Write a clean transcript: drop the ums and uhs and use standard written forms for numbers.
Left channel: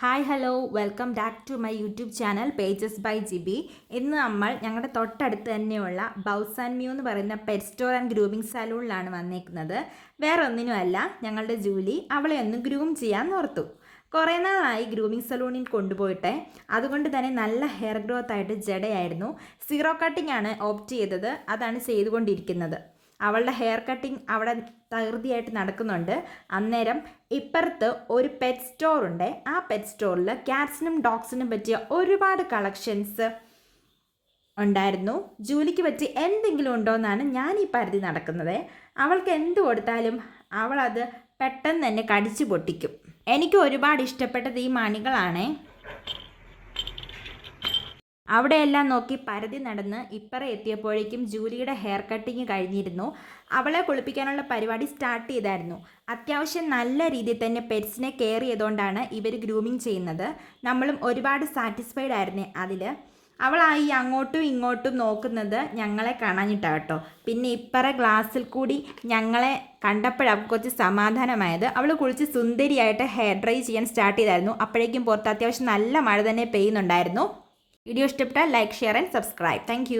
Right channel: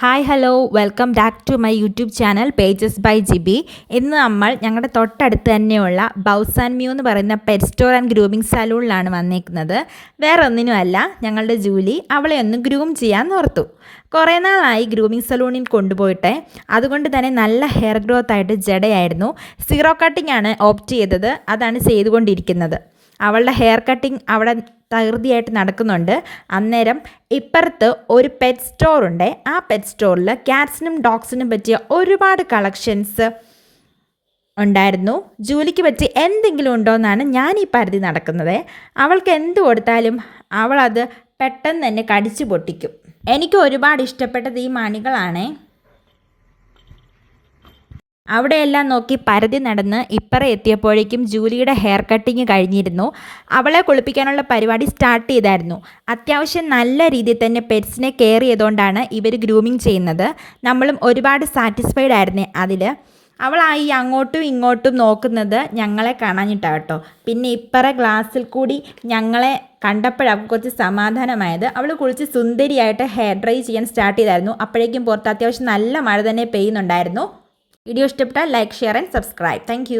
Hi hello welcome back to my YouTube channel pages by GB. ഇന്ന് നമ്മൾ ഞങ്ങളുടെ തൊട്ടടുത്ത് തന്നെയുള്ള ബൗസ് ആൻഡ് മ്യൂ എന്ന് പറയുന്ന പെറ്റ് സ്റ്റോർ ആൻഡ് ഗ്രൂമിംഗ് സലൂണിലാണ് വന്നേക്കുന്നത്. വേറെ ഒന്നിനുമല്ല, ഞങ്ങളുടെ ജൂലി അവളെ ഒന്ന് ഗ്രൂം ചെയ്യാൻ ഓർത്തു. കുറേ നാളായി ഗ്രൂമിംഗ് സലൂണിൽ കൊണ്ടുപോയിട്ടെ. അതുകൊണ്ട് തന്നെ നല്ല ഹെയർ ഗ്രോത്ത് ആയിട്ട് ജടയായിരുന്നു. സീറോ കട്ടിംഗ് ആണ് ഓപ്റ്റ് ചെയ്തത്. അതാണ് ചെയ്തുകൊണ്ടിരിക്കുന്നത്. അവളുടെ ഹെയർ കട്ടിങ് അവിടെ തകൃതിയായിട്ട് നടക്കുന്നുണ്ട്. അന്നേരം ഇപ്പുറത്ത് ഒരു പെറ്റ് സ്റ്റോറുണ്ട്. ആ പെറ്റ് സ്റ്റോറിൽ ക്യാറ്റ്സിനും ഡോഗ്സിനും പറ്റിയ ഒരുപാട് കളക്ഷൻസ് ഉണ്ടായിരുന്നു. ജൂലിക്ക് പറ്റി എന്തെങ്കിലും ഉണ്ടോ എന്നാണ് ഞാൻ ഈ പരിധി നടക്കുന്നത്. അവൾക്ക് എന്ത് കൊടുത്താലും അവളത് പെട്ടെന്ന് തന്നെ കടിച്ചു പൊട്ടിക്കും. എനിക്ക് ഒരുപാട് ഇഷ്ടപ്പെട്ടത് ഈ മണികളാണേ. അവിടെയെല്ലാം നോക്കി പരതി നടന്ന് ഇപ്പറ എത്തിയപ്പോഴേക്കും ജൂലിയുടെ ഹെയർ കട്ടിങ് കഴിഞ്ഞിരുന്നു. അവളെ കുളിപ്പിക്കാനുള്ള പരിപാടി സ്റ്റാർട്ട് ചെയ്തായിരുന്നു. അത്യാവശ്യം നല്ല രീതിയിൽ തന്നെ പെറ്റ്സിനെ കെയർ ചെയ്തുകൊണ്ടാണ് ഇവർ ഗ്രൂമിങ് ചെയ്യുന്നത്. നമ്മളും ഒരുപാട് സാറ്റിസ്ഫൈഡ് ആയിരുന്നേ അതിൽ. അവളായി അങ്ങോട്ടും ഇങ്ങോട്ടും നോക്കുന്നത് ഞങ്ങളെ കാണാനിട്ടാണ് കേട്ടോ. പിന്നെ ഇപ്പറ ഗ്ലാസ്സിൽ കൂടി ഞങ്ങളെ കണ്ടപ്പോഴാണ് കുറച്ച് സമാധാനമായത്. അവൾ കുളിച്ച് സുന്ദരിയായിട്ട് ഹെയർ ഡ്രൈ ചെയ്യാൻ സ്റ്റാർട്ട് ചെയ്തായിരുന്നു. അപ്പോഴേക്കും പുറത്ത് അത്യാവശ്യം നല്ല മഴ തന്നെ പെയ്യുന്നുണ്ടായിരുന്നു. വീഡിയോ ഇഷ്ടപ്പെട്ടാൽ like, share and subscribe. Thank